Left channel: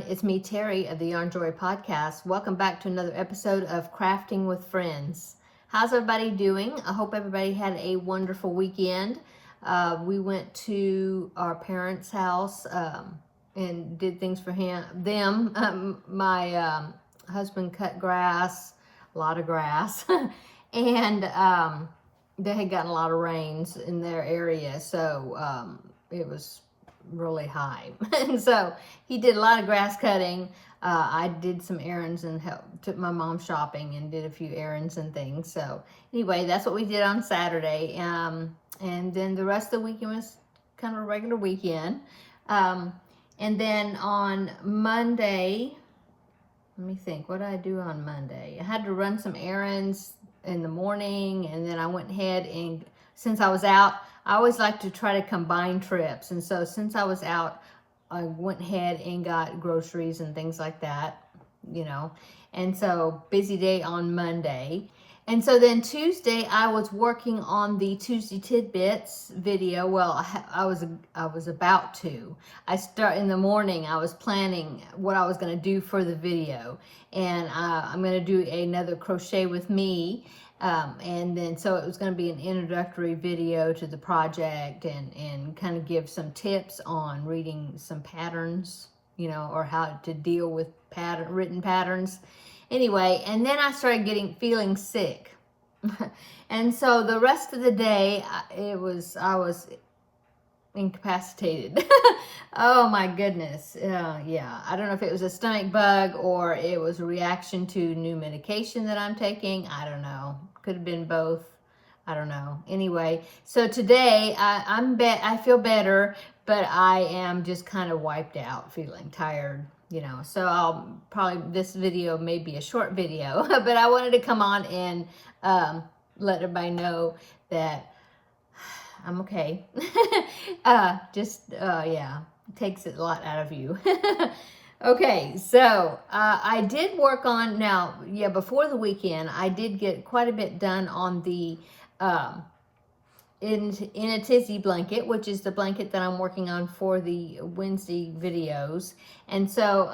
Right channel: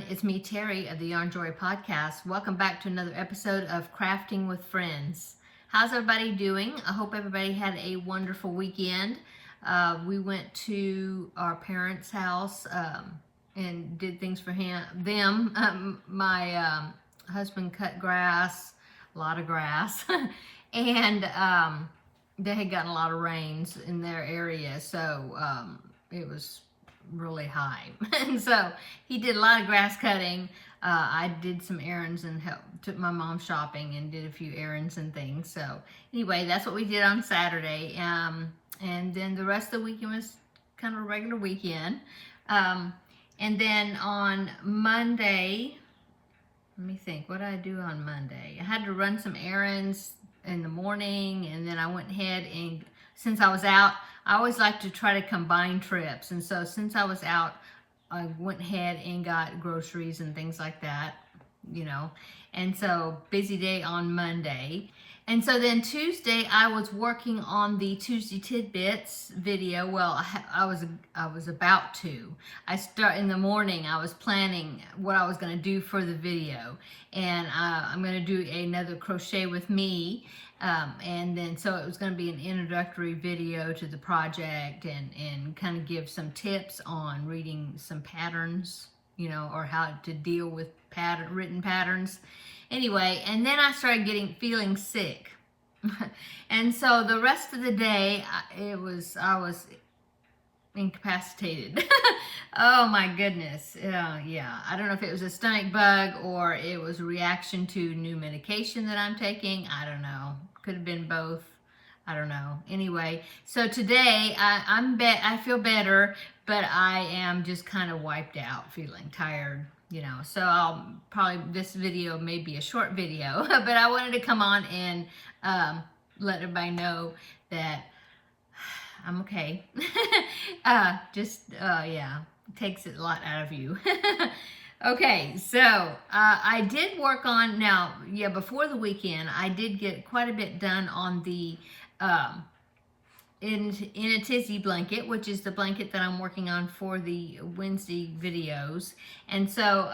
everyone. It's me, Terri of the Yarn Joy Podcast. Welcome back to another episode of Crafting with Friends. How's everybody doing? I hope everybody had a wonderful weekend. We went to our parents' house and did things for them. My husband cut grass, a lot of grass, and they had gotten a lot of rains in their area, so it was really high. And so he did a lot of grass cutting. I did some errands and took my mom shopping and did a few errands and things. So anyway, that's what we did on Saturday. And then the rest of the weekend was kind of a regular weekend. And then on Monday, let me think, what did I do on Monday? I had to run some errands in the morning, and then I went ahead and, since I was out, I always like to try to combine trips. And so since I was out, I went ahead and got groceries and things like that, you know. And so busy day on Monday. And so then Tuesday, I was working on the Tuesday Tidbits video. Well, I was about to. I start in the morning. I was planning what I was going to do for the video, and I'm going to do another crochet with me. And then so it was going to be an introductory video to the project and kind of give some tips on reading some patterns, you know, or how to deal with written patterns. Anyway, and then I started feeling sick. And so the rest of the day, I was incapacitated. Oh my goodness. Yeah. I don't know if it was a stomach bug or it was a reaction to new medication that I'm taking. I don't know. Could have been both. I don't know. Anyway, so today I feel better, but I am just kind of wiped out, feeling tired, you know. So this video may be a short video, but I wanted to come on and let everybody know that I'm okay. Yeah, it takes a lot out of you. Okay, so I did work on, before the weekend, I did get quite a bit done on the in a tizzy blanket, which is the blanket that I'm working on for the Wednesday videos. And so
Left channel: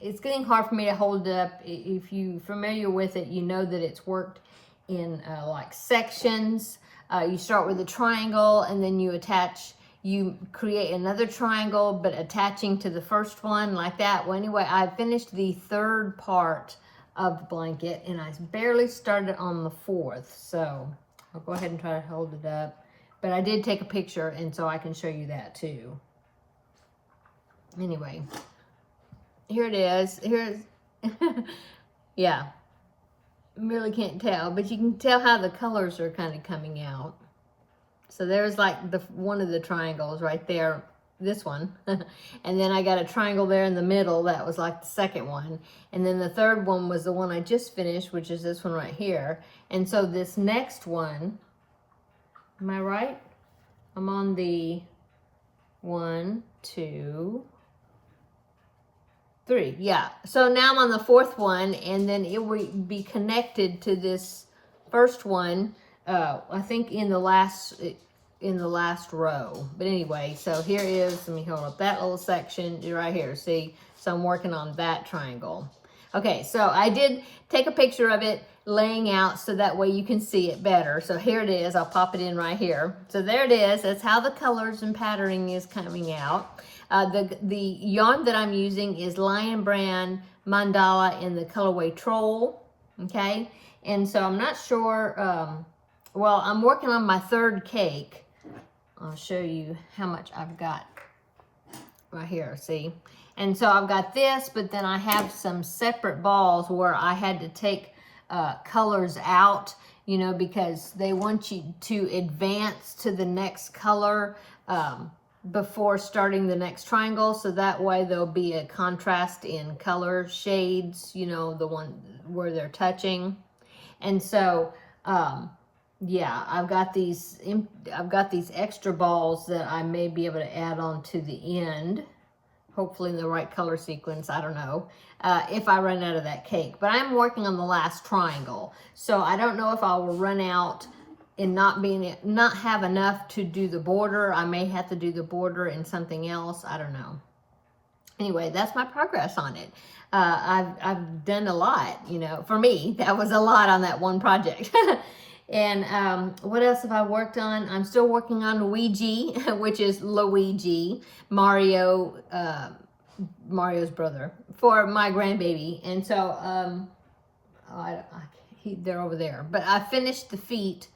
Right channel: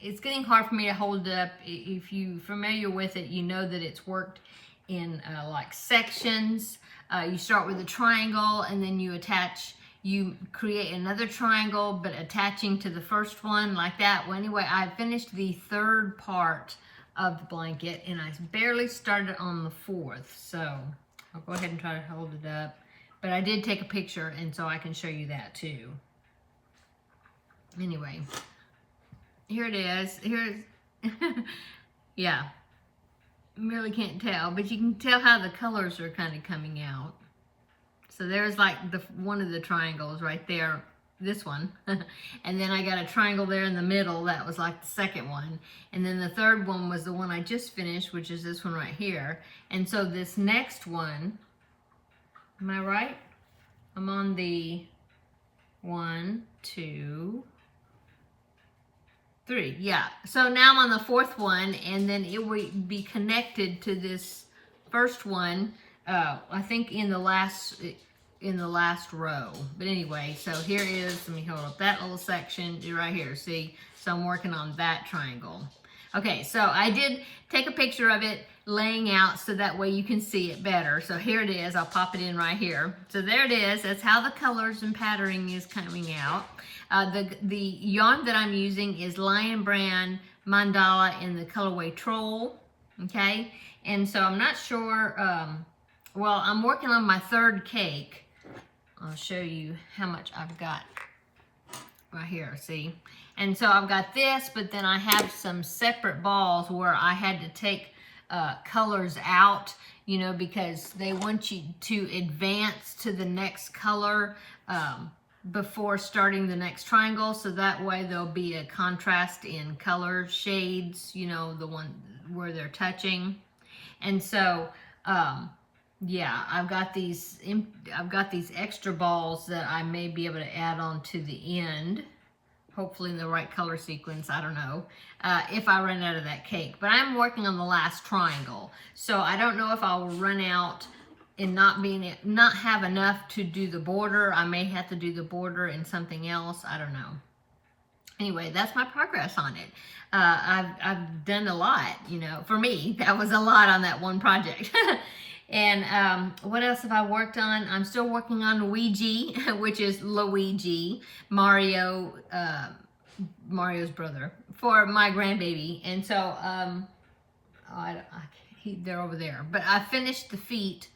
it's getting hard for me to hold it up. If you're familiar with it, you know that it's worked in like sections. You start with a triangle, and then you create another triangle, but attaching to the first one like that. Well, anyway, I finished the third part of the blanket, and I barely started on the fourth. So I'll go ahead and try to hold it up. But I did take a picture, and so I can show you that too. Anyway, here it is. Here's, yeah, really can't tell, but you can tell how the colors are kind of coming out. So there's like one of the triangles right there, this one. And then I got a triangle there in the middle. That was like the second one. And then the third one was the one I just finished, which is this one right here. And so this next one, am I right? I'm on the 1, 2, 3. Yeah. So now I'm on the fourth one, and then it will be connected to this first one. I think in the last row. But anyway, so here is, let me hold up that little section right here. See, so I'm working on that triangle. Okay, so I did take a picture of it laying out so that way you can see it better. So here it is. I'll pop it in right here. So there it is. That's how the colors and patterning is coming out. The yarn that I'm using is Lion Brand Mandala in the colorway Troll. Okay, and so I'm not sure. Well, I'm working on my third cake. I'll show you how much I've got right here, see? And so I've got this, but then I have some separate balls where I had to take colors out, you know, because they want you to advance to the next color before starting the next triangle. So that way there'll be a contrast in color shades, you know, the one where they're touching. And so, yeah, I've got these extra balls that I may be able to add on to the end, hopefully in the right color sequence. I don't know if I run out of that cake, but I'm working on the last triangle, so I don't know if I will run out and not have enough to do the border. I may have to do the border in something else. I don't know. Anyway, that's my progress on it. I've done a lot, you know. For me, that was a lot on that one project. And what else have I worked on? I'm still working on Luigi, which is Luigi, Mario's brother, for my grandbaby. And so they're over there. But I finished the feet,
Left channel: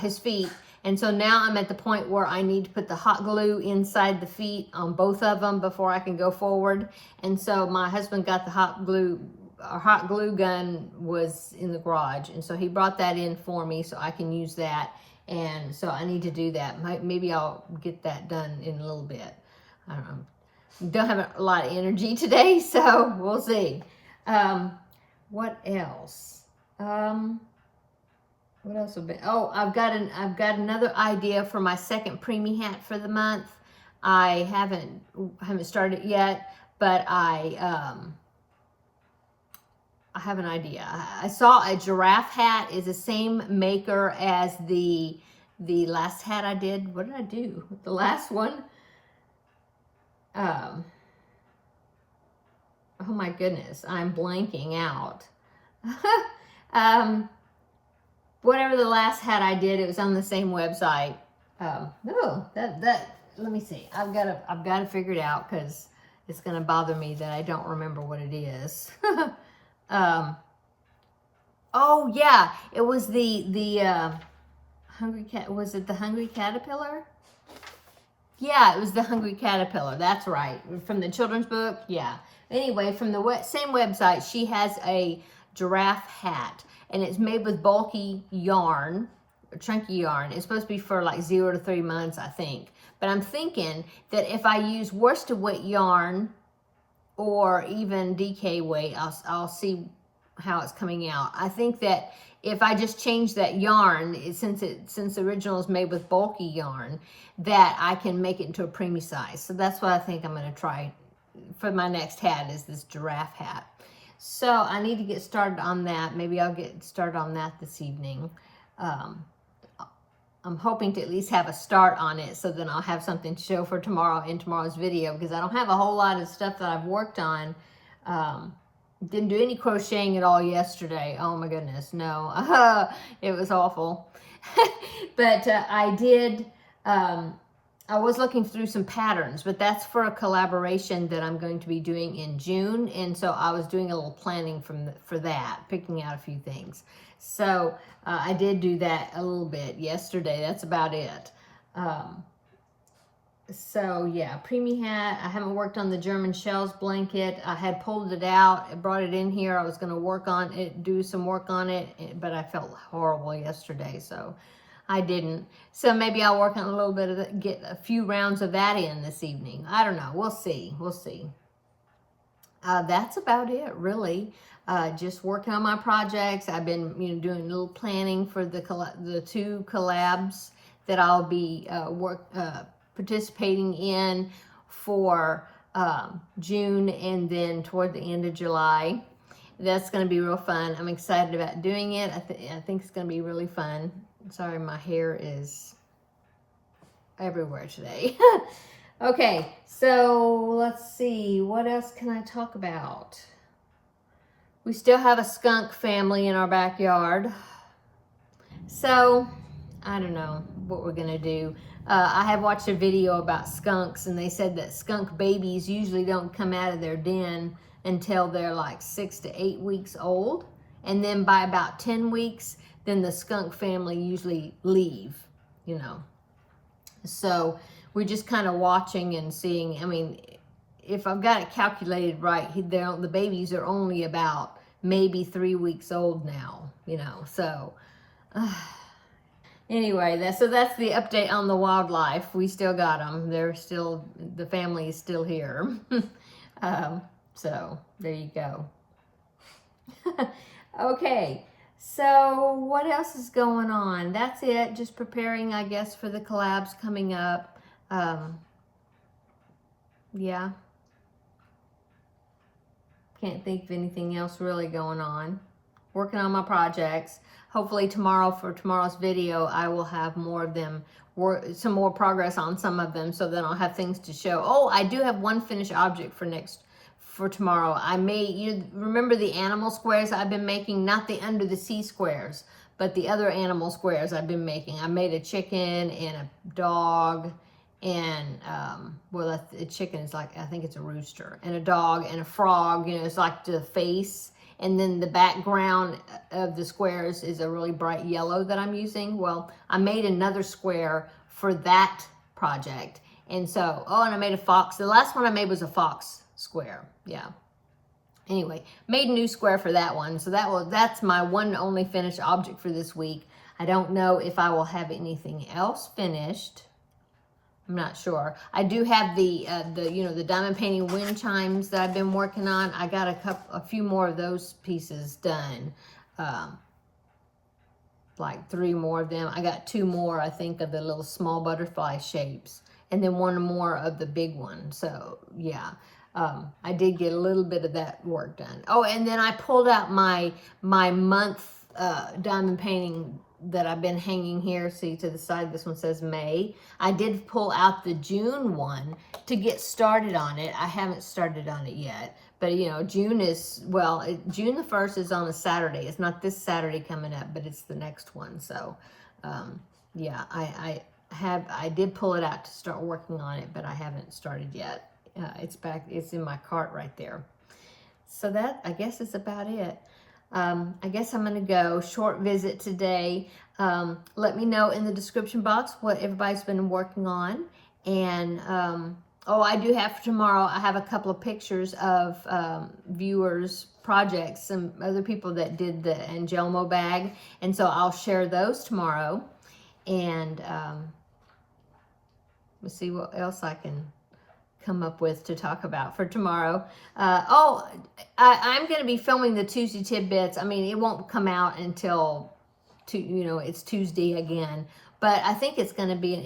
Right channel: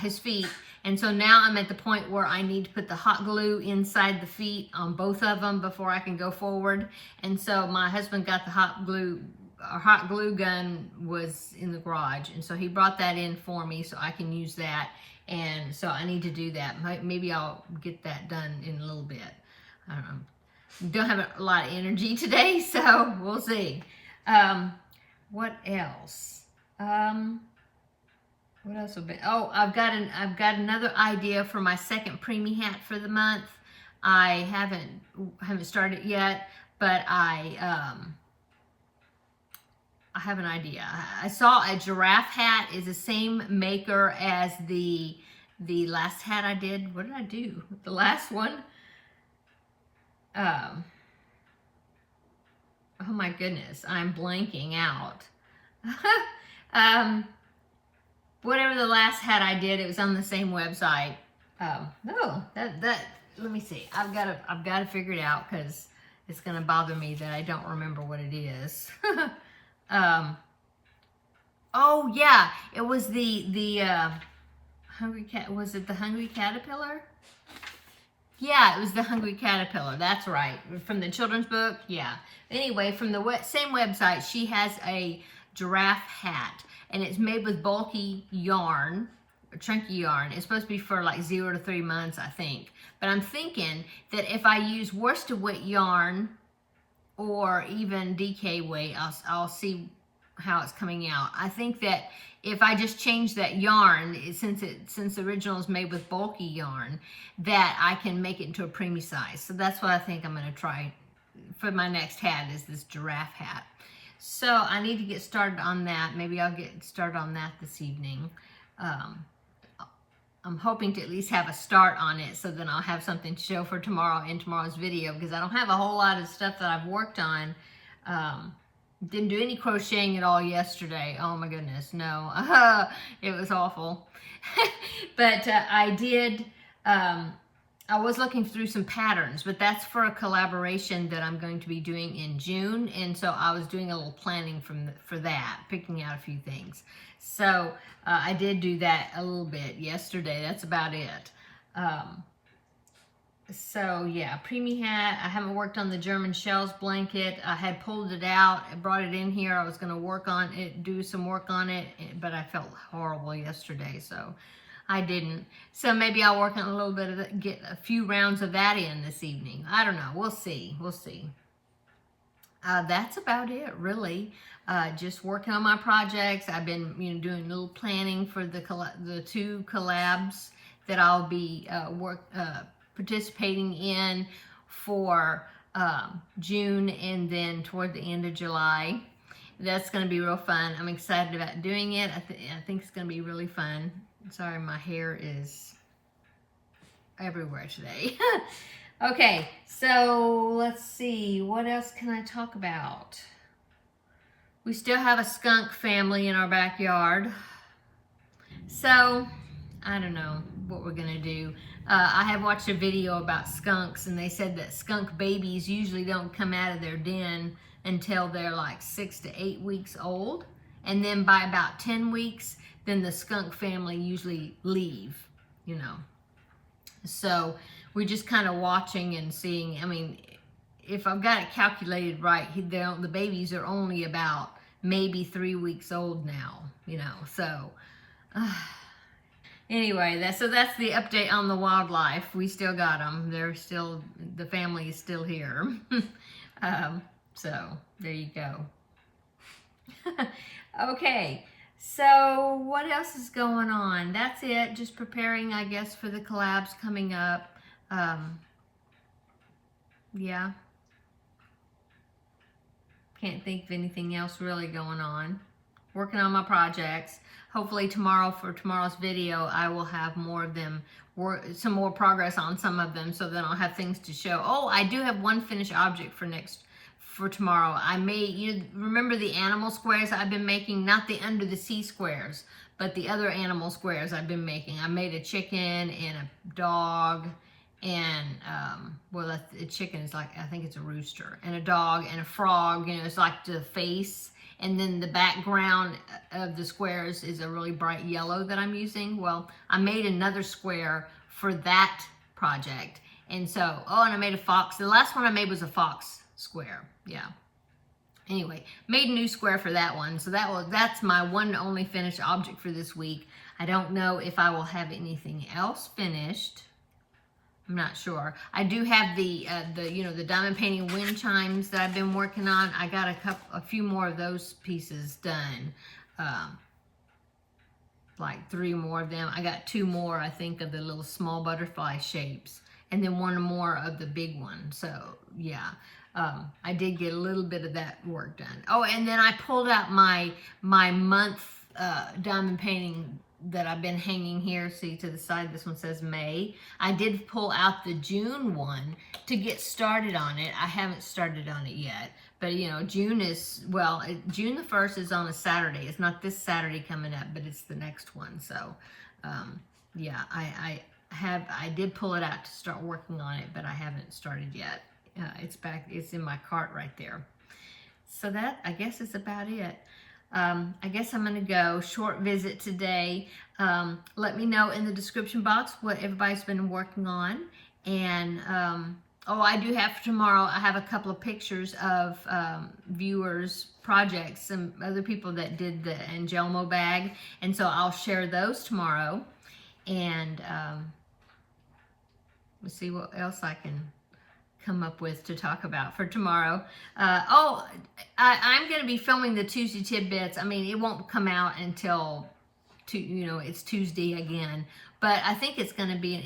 his feet. And so now I'm at the point where I need to put the hot glue inside the feet on both of them before I can go forward. And so my husband got the hot glue. Our hot glue gun was in the garage, and so he brought that in for me so I can use that. And so I need to do that. Maybe I'll get that done in a little bit. I don't know. Don't have a lot of energy today, so we'll see. What else? What else have been? Oh, I've got another idea for my second preemie hat for the month. I haven't started yet, but I have an idea. I saw a giraffe hat is the same maker as the last hat I did. What did I do with the last one? Oh my goodness, I'm blanking out. Whatever the last hat I did, it was on the same website. Let me see. I've got to figure it out because it's going to bother me that I don't remember what it is. Oh yeah, it was the hungry cat. Was it the hungry caterpillar? Yeah, it was the hungry caterpillar. That's right, from the children's book. Yeah. Anyway, from the same website, she has a giraffe hat, and it's made with bulky yarn, chunky yarn. It's supposed to be for like 0 to 3 months, I think. But I'm thinking that if I use worsted weight yarn or even DK weight, I'll see how it's coming out. I think that if I just change that yarn, since the original is made with bulky yarn, that I can make it into a preemie size. So that's what I think I'm going to try for my next hat, is this giraffe hat. So I need to get started on that. Maybe I'll get started on that this evening. I'm hoping to at least have a start on it, so then I'll have something to show for tomorrow in tomorrow's video, because I don't have a whole lot of stuff that I've worked on. Didn't do any crocheting at all yesterday. Oh my goodness, no. It was awful. But I did, I was looking through some patterns, but that's for a collaboration that I'm going to be doing in June. And so I was doing a little planning for that, picking out a few things. So I did do that a little bit yesterday. That's about it. So yeah, preemie hat. I haven't worked on the German shells blanket. I had pulled it out, I brought it in here. I was going to work on it, do some work on it, but I felt horrible yesterday, so I didn't. So maybe I'll work on a little bit of it, get a few rounds of that in this evening. I don't know. We'll see. We'll see. That's about it, really. Just working on my projects. I've been, doing a little planning for the 2 collabs that I'll be participating in for June and then toward the end of July. That's going to be real fun. I'm excited about doing it. I think it's going to be really fun. Sorry, my hair is everywhere today. Okay, so let's see. What else can I talk about? We still have a skunk family in our backyard. So, I don't know what we're going to do. I have watched a video about skunks, and they said that skunk babies usually don't come out of their den until they're like 6 to 8 weeks old. And then by about 10 weeks, then the skunk family usually leave, So we're just kind of watching and seeing. I mean, if I've got it calculated right, the babies are only about maybe 3 weeks old now, so... Anyway, that's the update on the wildlife. We still got them. The family is still here. So there you go. Okay, so what else is going on? That's it. Just preparing, I guess, for the collabs coming up. Yeah. Can't think of anything else really going on. working on my projects. Hopefully tomorrow, for tomorrow's video, I will have more of them, some more progress on some of them, so then I'll have things to show. Oh, I do have one finished object for tomorrow. I made, you remember the animal squares I've been making? Not the under the sea squares, but the other animal squares I've been making. I made a chicken and a dog and, well, a chicken is like, I think it's a rooster, and a dog and a frog, you know, it's like the face. And then the background of the squares is a really bright yellow that I'm using. Well, I made another square for that project. And so, oh, and I made a fox. The last one I made was a fox square. Yeah. Anyway, made a new square for that one. So that's my one only finished object for this week. I don't know if I will have anything else finished. I'm not sure. I do have the diamond painting wind chimes that I've been working on. I got a few more of those pieces done. Like 3 more of them. I got 2 more, I think, of the little small butterfly shapes, and then 1 more of the big one. So yeah, I did get a little bit of that work done. Oh, and then I pulled out my month diamond painting that I've been hanging here. See, to the side, this one says May. I did pull out the June one to get started on it. I haven't started on it yet, but you know, June is, well, June the 1st is on a Saturday. It's not this Saturday coming up, but it's the next one. So yeah, I did pull it out to start working on it, but I haven't started yet. It's back, it's in my cart right there. So that, I guess, is about it. I guess I'm going to go. Short visit today. Let me know in the description box what everybody's been working on. And, oh, I do have for tomorrow, I have a couple of pictures of viewers' projects, some other people that did the Angelmo bag. And so I'll share those tomorrow. And let's see what else I can come up with to talk about for tomorrow. I'm going to be filming the Tuesday tidbits. I mean, it won't come out until it's Tuesday again, but I think it's going to be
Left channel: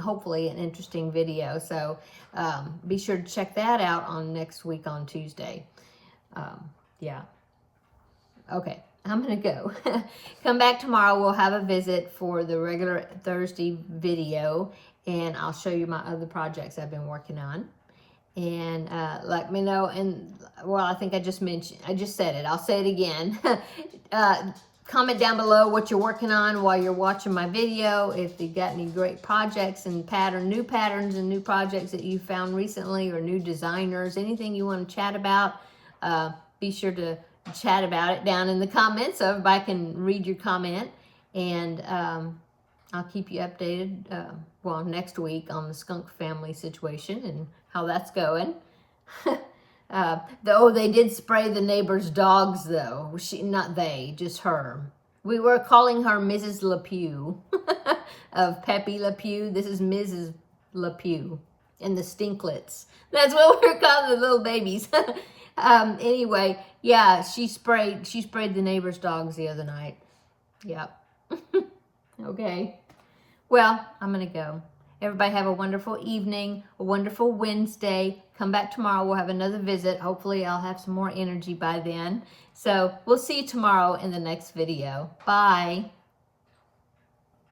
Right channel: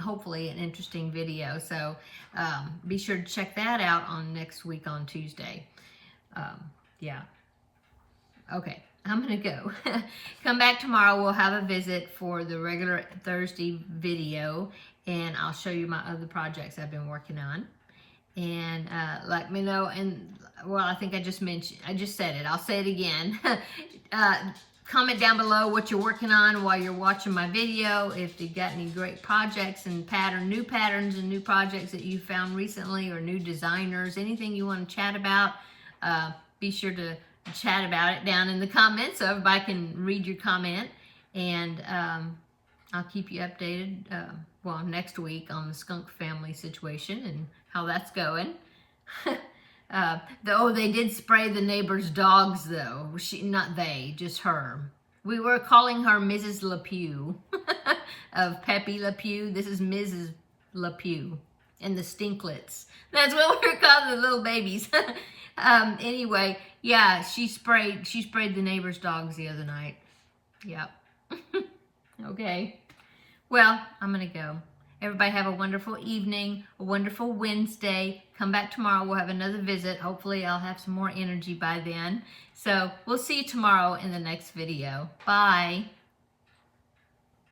hopefully an interesting video. So be sure to check that out on next week on Tuesday. Yeah. Okay, I'm going to go. Come back tomorrow. We'll have a visit for the regular Thursday video, and I'll show you my other projects I've been working on. And let me know. And well, I think I just said it. I'll say it again. Comment down below what you're working on while you're watching my video. If you got any great projects and new patterns and new projects that you found recently, or new designers, anything you want to chat about, be sure to chat about it down in the comments so everybody can read your comment. And I'll keep you updated, well, next week on the skunk family situation and how that's going. They did spray the neighbor's dogs, though. Not they, just her. We were calling her Mrs. LePew of Pepe LePew. This is Mrs. LePew and the Stinklets. That's what we're calling the little babies. Anyway, yeah, she sprayed the neighbor's dogs the other night. Yep. Okay. Well, I'm going to go. Everybody have a wonderful evening, a wonderful Wednesday. Come back tomorrow. We'll have another visit. Hopefully, I'll have some more energy by then. So we'll see you tomorrow in the next video. Bye.